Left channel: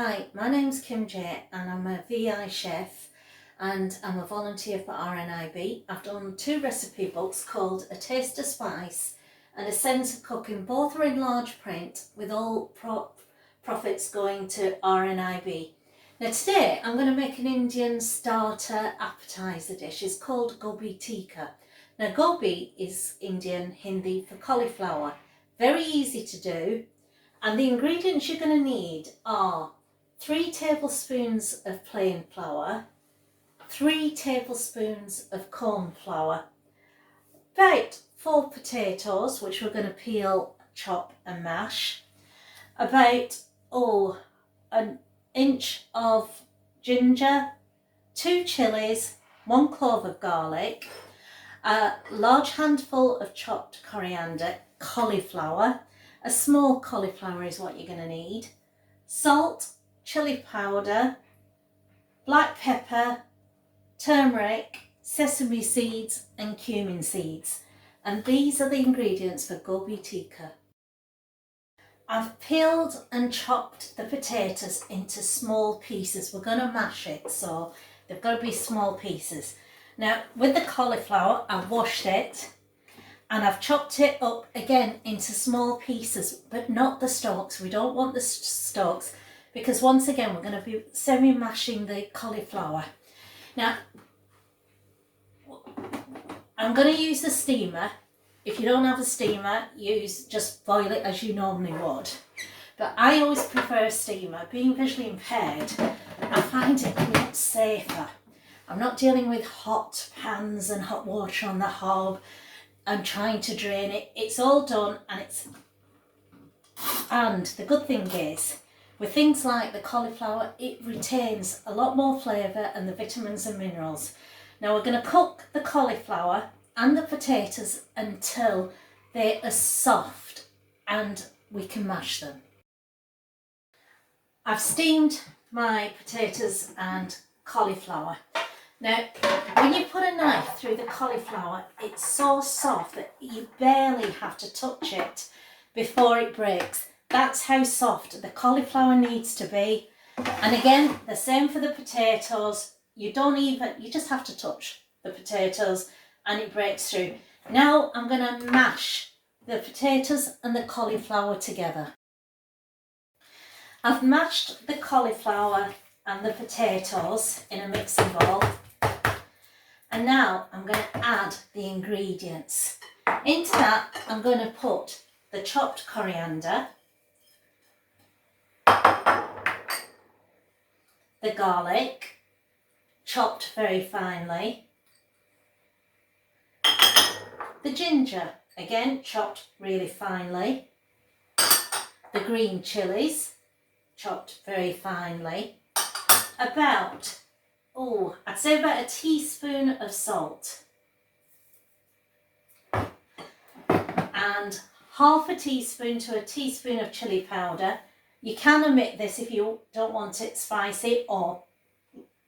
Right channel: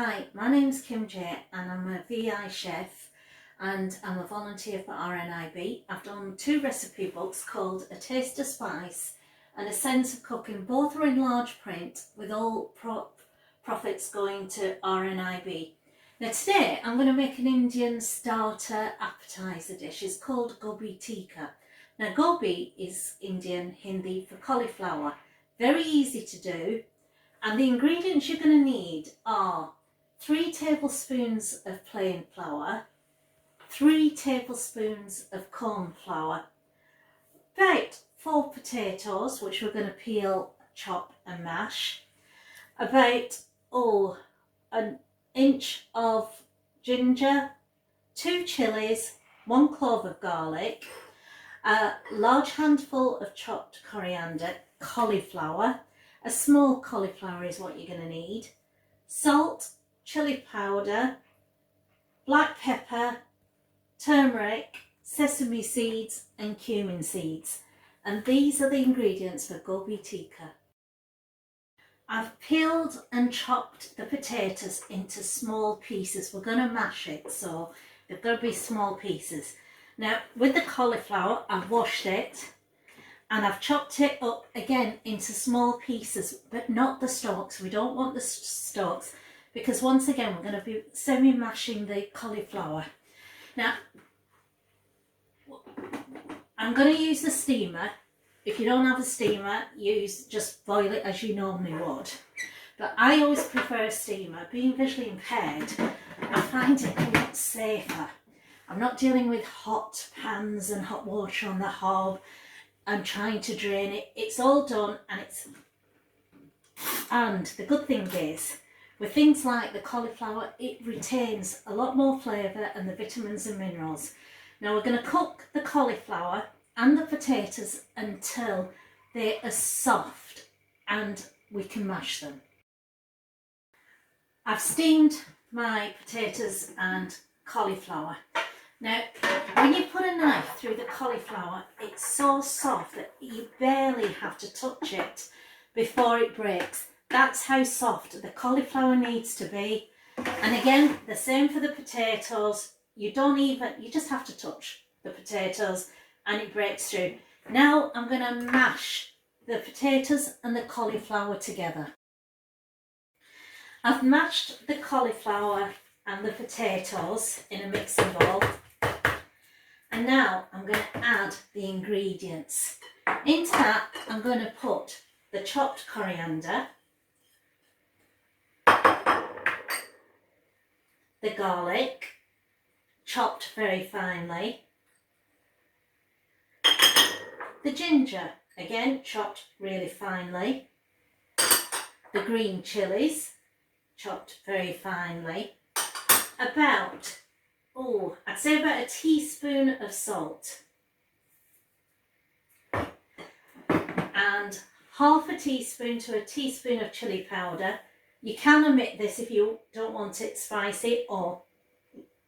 Hi, my name's Kim J and I'm a VI chef and I'm a volunteer for RNIB. I've done 2 recipe books called A Taste of Spice and A Sense of Cooking. Both are in large print with all profits going to RNIB. Now today I'm going to make an Indian starter appetizer dish. It's called Gobi Tikka. Now gobi is Indian Hindi for cauliflower. Very easy to do. And the ingredients you're going to need are 3 tablespoons of plain flour, 3 tablespoons of corn flour, about 4 potatoes, which we're going to peel, chop and mash, about an inch of ginger, 2 chillies, 1 clove of garlic, a large handful of chopped coriander, cauliflower. A small cauliflower is what you're going to need, salt, chili powder, black pepper, turmeric, sesame seeds and cumin seeds. And these are the ingredients for Gobi Tikka. I've peeled and chopped the potatoes into small pieces. We're going to mash it, so they've got to be small pieces. Now with the cauliflower, I've washed it. And I've chopped it up again into small pieces, but not the stalks. We don't want the stalks because once again we're going to be semi-mashing the cauliflower. Now, I'm going to use the steamer. If you don't have a steamer, just boil it as you normally would. But I always prefer a steamer. Being visually impaired, I find it a lot safer. I'm not dealing with hot pans and hot water on the hob. I'm trying to drain it. It's all done and the good thing is with things like the cauliflower, it retains a lot more flavour and the vitamins and minerals. Now we're going to cook the cauliflower and the potatoes until they are soft and we can mash them. I've steamed my potatoes and cauliflower. Now, when you put a knife through the cauliflower, it's so soft that you barely have to touch it before it breaks. That's how soft the cauliflower needs to be. And again, the same for the potatoes. You just have to touch the potatoes and it breaks through. Now I'm going to mash the potatoes and the cauliflower together. I've mashed the cauliflower and the potatoes in a mixing bowl. And now I'm going to add the ingredients. Into that I'm going to put the chopped coriander, the garlic, chopped very finely, the ginger, again chopped really finely, the green chilies, chopped very finely, I'd say about a teaspoon of salt and half a teaspoon to a teaspoon of chili powder. You can omit this if you don't want it spicy, or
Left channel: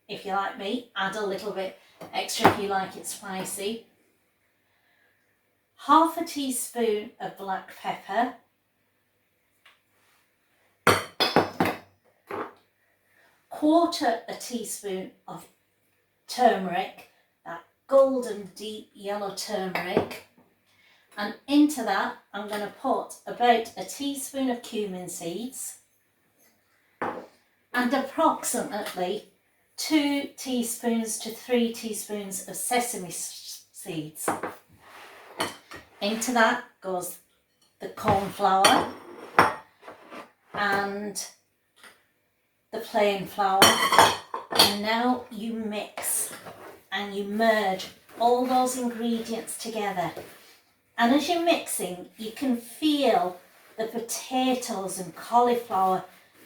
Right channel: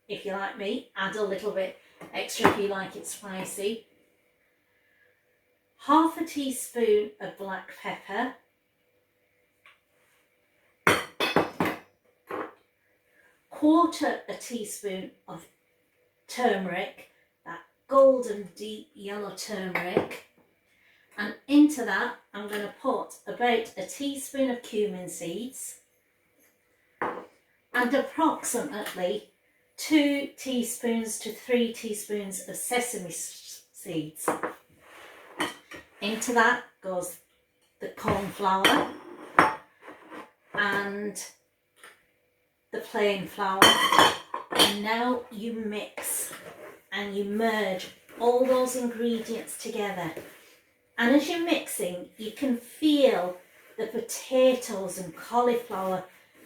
if you like me, add a little bit extra if you like it spicy. Half a teaspoon of black pepper, quarter a teaspoon of turmeric, that golden deep yellow turmeric, and into that I'm going to put about a teaspoon of cumin seeds and approximately 2 teaspoons to 3 teaspoons of sesame seeds. Into that goes the corn flour and the plain flour, and now you mix and you merge all those ingredients together. And as you're mixing, you can feel the potatoes and cauliflower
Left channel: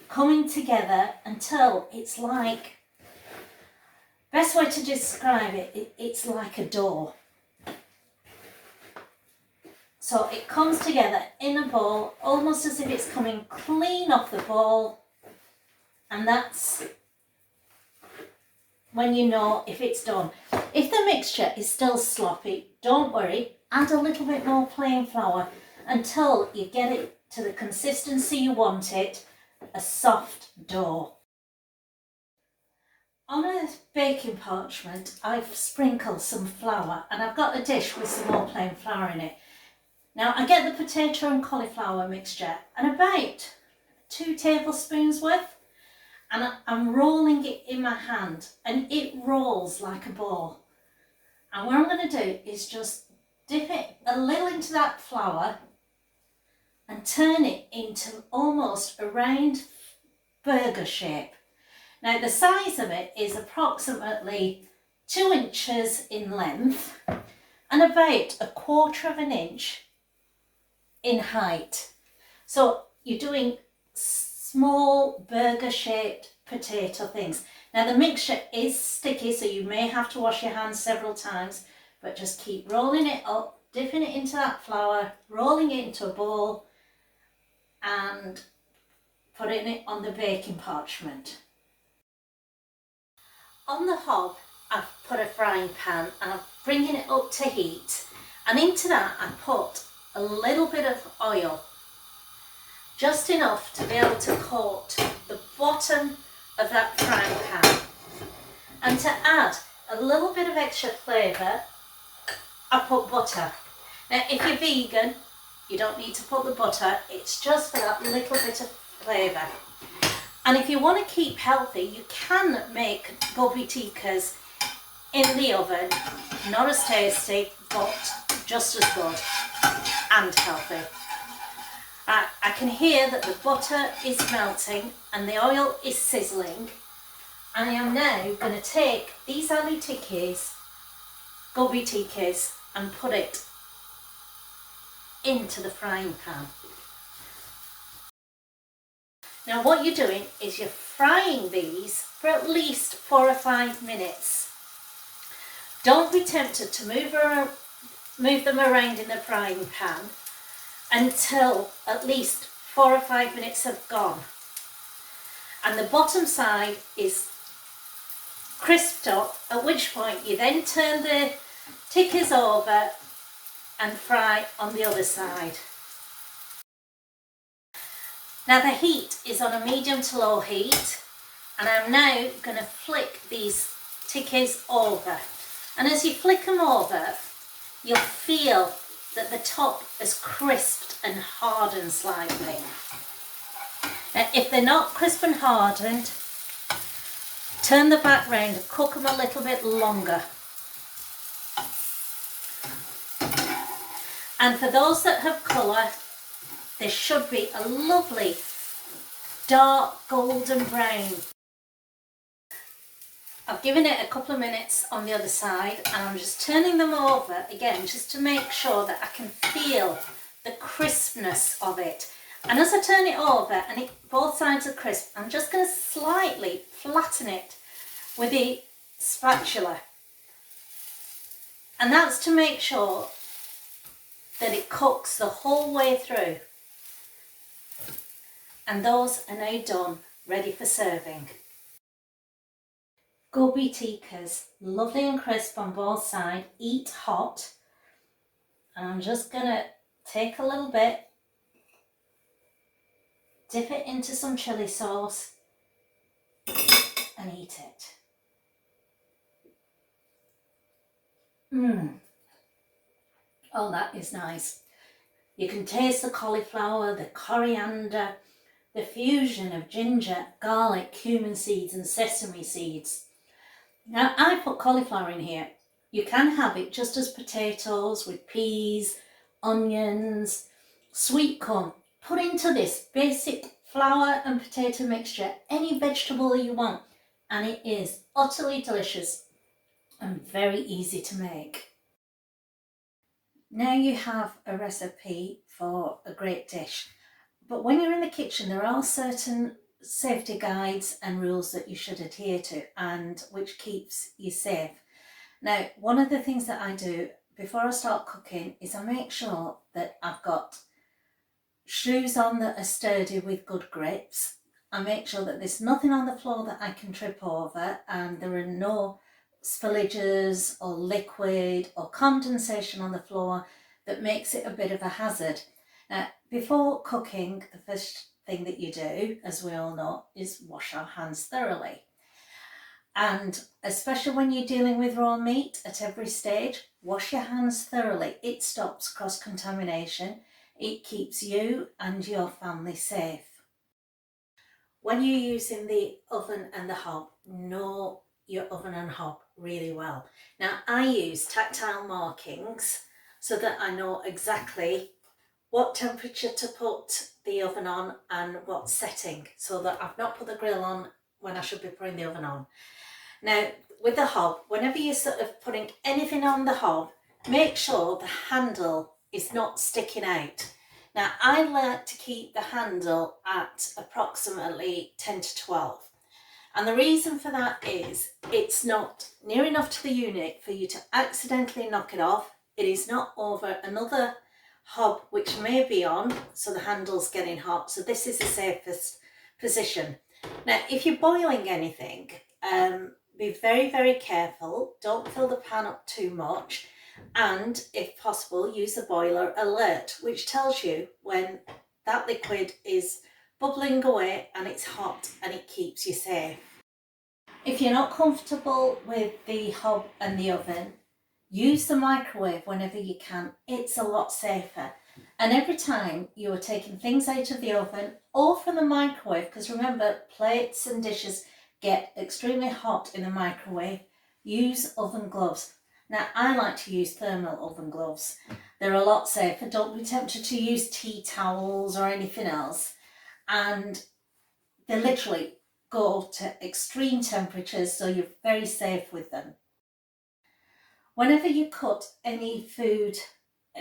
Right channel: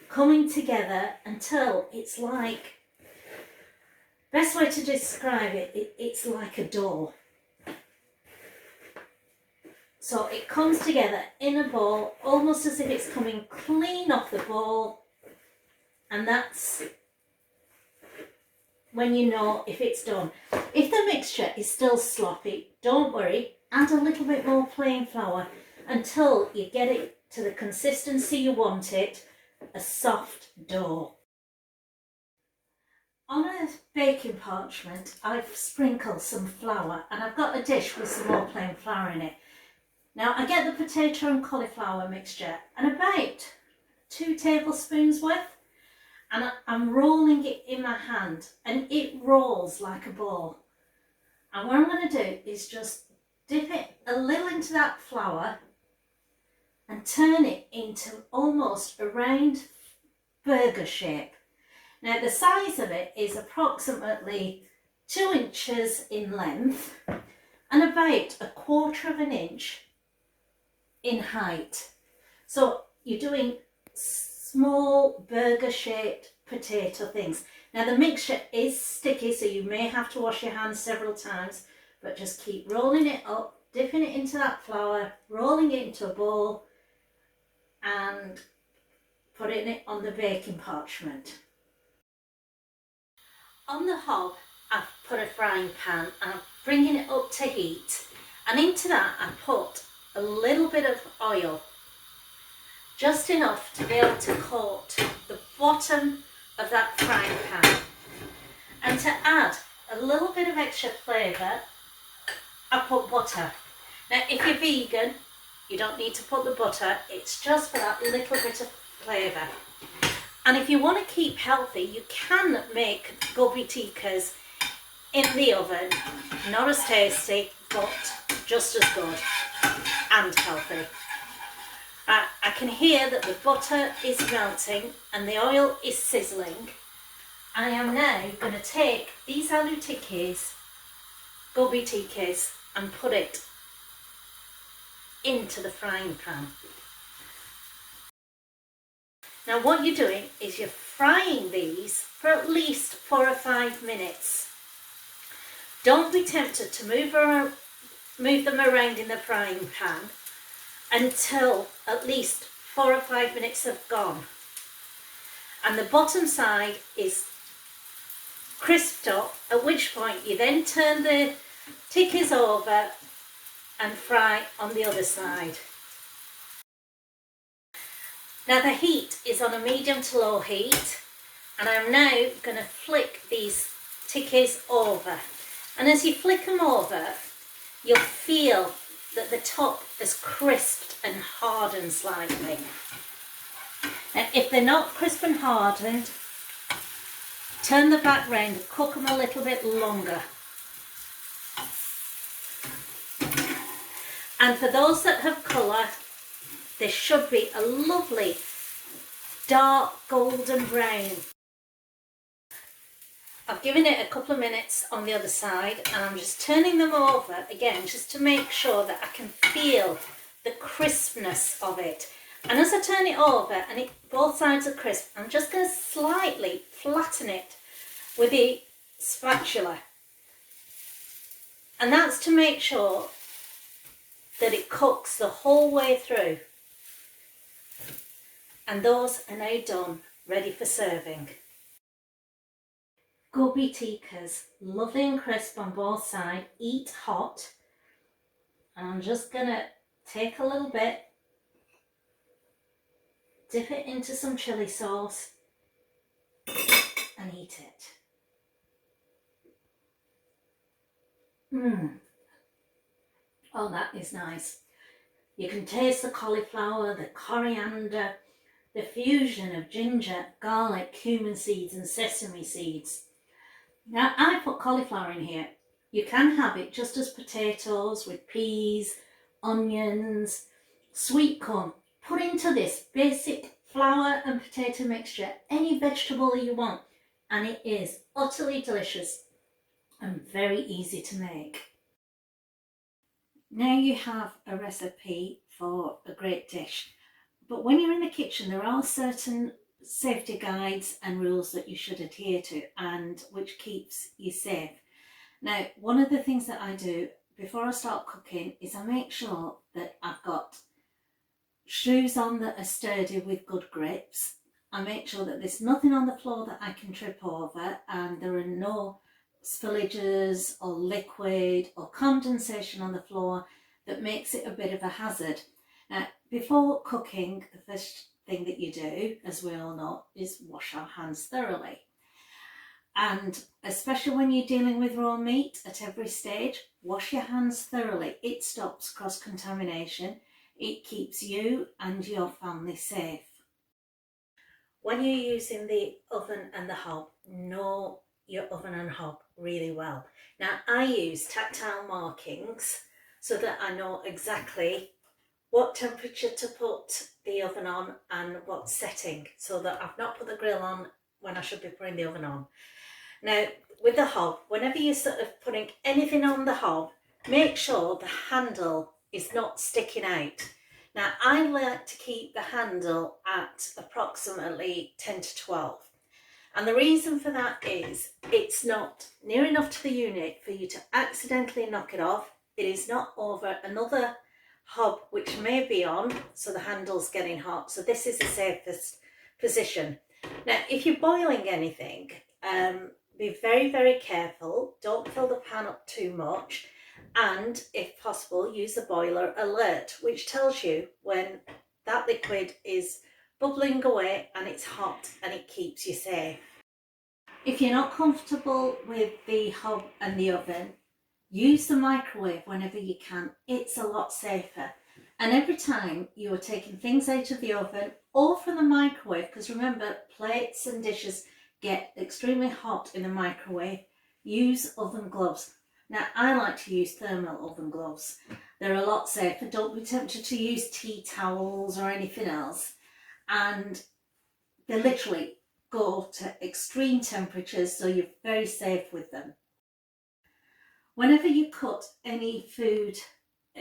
coming together until it's like, best way to describe it, it's like a dough. So it comes together in a bowl, almost as if it's coming clean off the bowl. And that's when you know if it's done. If the mixture is still sloppy, don't worry, add a little bit more plain flour until you get it to the consistency you want it, a soft dough. On a baking parchment, I've sprinkled some flour, and I've got a dish with some more plain flour in it. Now I get the potato and cauliflower mixture and about 2 tablespoons worth, and I'm rolling it in my hand, and it rolls like a ball. And what I'm going to do is just dip it a little into that flour and turn it into almost a round burger shape. Now the size of it is approximately 2 inches in length and about 1/4 of an inch in height. So you're doing small burger shaped potato things. Now the mixture is sticky, so you may have to wash your hands several times, but just keep rolling it up, dipping it into that flour, rolling it into a bowl and putting it on the baking parchment. On the hob, I've put a frying pan and I'm bringing it up to heat, and into that I put a little bit of oil, just enough to be able to coat the bottom of that frying pan. And to add a little bit of extra flavour, I put butter. Now if you're vegan, you don't need to put the butter, it's just for that little bit of flavour. And if you want to keep healthy, you can make Gobi Tikkas in the oven. Not as tasty, but just as good and healthy. I can hear that the butter is melting and the oil is sizzling. I am now going to take these aloo tikkis, Gobi Tikkas, and put it into the frying pan. Now what you're doing is you're frying these for at least 4 or 5 minutes. Don't be tempted to move them around in the frying pan until at least 4 or 5 minutes have gone. And the bottom side is crisped up, at which point you then turn the tikkis over and fry on the other side. Now the heat is on a medium to low heat, and I'm now going to flick these tikkis over. And as you flick them over, you'll feel that the top is crisped and hardened slightly. Now if they're not crisp and hardened, turn the back round and cook them a little bit longer. And for those that have colour, there should be a lovely dark golden brown. I've given it a couple of minutes on the other side, and I'm just turning them over again just to make sure that I can feel the crispness of it. And as I turn it over and both sides are crisp, I'm just going to slightly flatten it with the spatula. And that's to make sure that it cooks the whole way through. And those are now done, ready for serving. Gobi Tikkas, lovely and crisp on both sides, eat hot. And I'm just going to take a little bit, dip it into some chilli sauce and eat it. Oh, that is nice. You can taste the cauliflower, the coriander, the fusion of ginger, garlic, cumin seeds and sesame seeds. Now I put cauliflower in here. You can have it just as potatoes with peas, onions, sweet corn. Put into this basic flour and potato mixture any vegetable that you want, and it is utterly delicious and very easy to make. Now you have a recipe for a great dish. But when you're in the kitchen, there are certain safety guides and rules that you should adhere to, and which keeps you safe. Now, one of the things that I do before I start cooking is I make sure that I've got shoes on that are sturdy with good grips. I make sure that there's nothing on the floor that I can trip over, and there are no spillages or liquid or condensation on the floor that makes it a bit of a hazard. Now, before cooking, the first thing that you do, as we all know, is wash our hands thoroughly. And especially when you're dealing with raw meat at every stage, wash your hands thoroughly. It stops cross-contamination. It keeps you and your family safe. When you're using the oven and the hob, know your oven and hob really well. Now, I use tactile markings so that I know exactly what temperature to put the oven on and what setting, so that I've not put the grill on when I should be putting the oven on. Now, with the hob, whenever you're sort of putting anything on the hob, make sure the handle is not sticking out. Now, I like to keep the handle at approximately 10 to 12. And the reason for that is it's not near enough to the unit for you to accidentally knock it off. It is not over another hob which may be on, so the handle's getting hot. So this is the safest position. Now, if you're boiling anything, be very, very careful. Don't fill the pan up too much. And if possible, use the boiler alert, which tells you when that liquid is bubbling away and it's hot, and it keeps you safe. If you're not comfortable with the hob and the oven, use the microwave whenever you can. It's a lot safer. And every time you are taking things out of the oven or from the microwave, because remember, plates and dishes get extremely hot in the microwave, use oven gloves. Now, I like to use thermal oven gloves. They're a lot safer. Don't be tempted to use tea towels or anything else. And they literally go to extreme temperatures, so you're very safe with them. Whenever you cut any food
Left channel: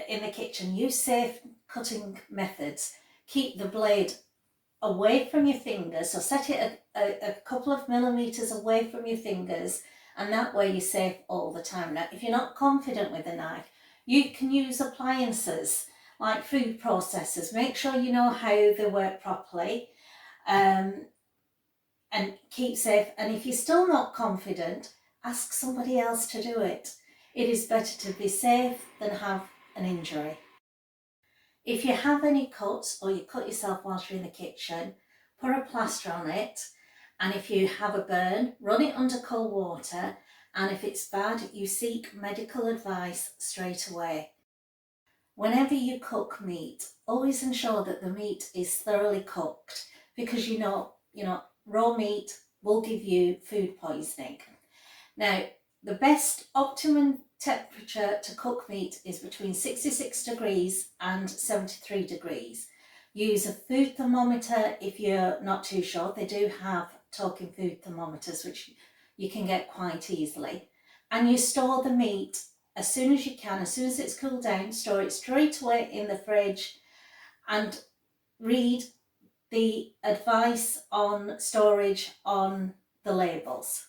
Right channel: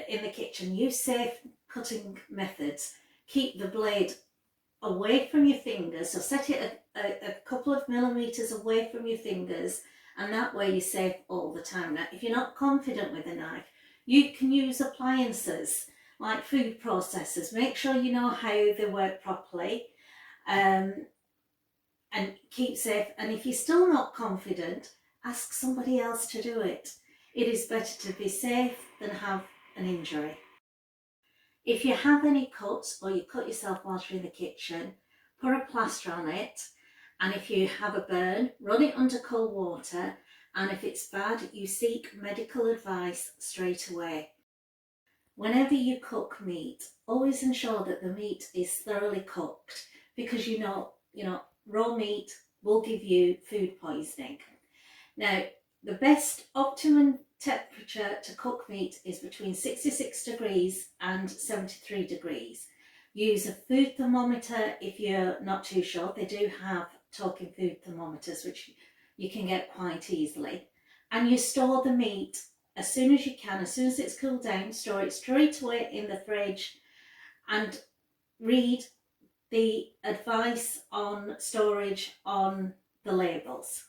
in the kitchen, use safe cutting methods. Keep the blade away from your fingers, so set it a couple of millimeters away from your fingers, and that way you're safe all the time. Now, if you're not confident with a knife, you can use appliances like food processors. Make sure you know how they work properly, and keep safe. And if you're still not confident, ask somebody else to do it. It is better to be safe than have an injury. If you have any cuts or you cut yourself whilst you're in the kitchen, put a plaster on it. And if you have a burn, run it under cold water. And if it's bad, you seek medical advice straight away. Whenever you cook meat, always ensure that the meat is thoroughly cooked, because you know, raw meat will give you food poisoning. Now, the best optimum temperature to cook meat is between 66 degrees and 73 degrees. Use a food thermometer if you're not too sure. They do have talking food thermometers, which you can get quite easily. And you store the meat as soon as you can. As soon as it's cooled down, store it straight away in the fridge and read the advice on storage on the labels.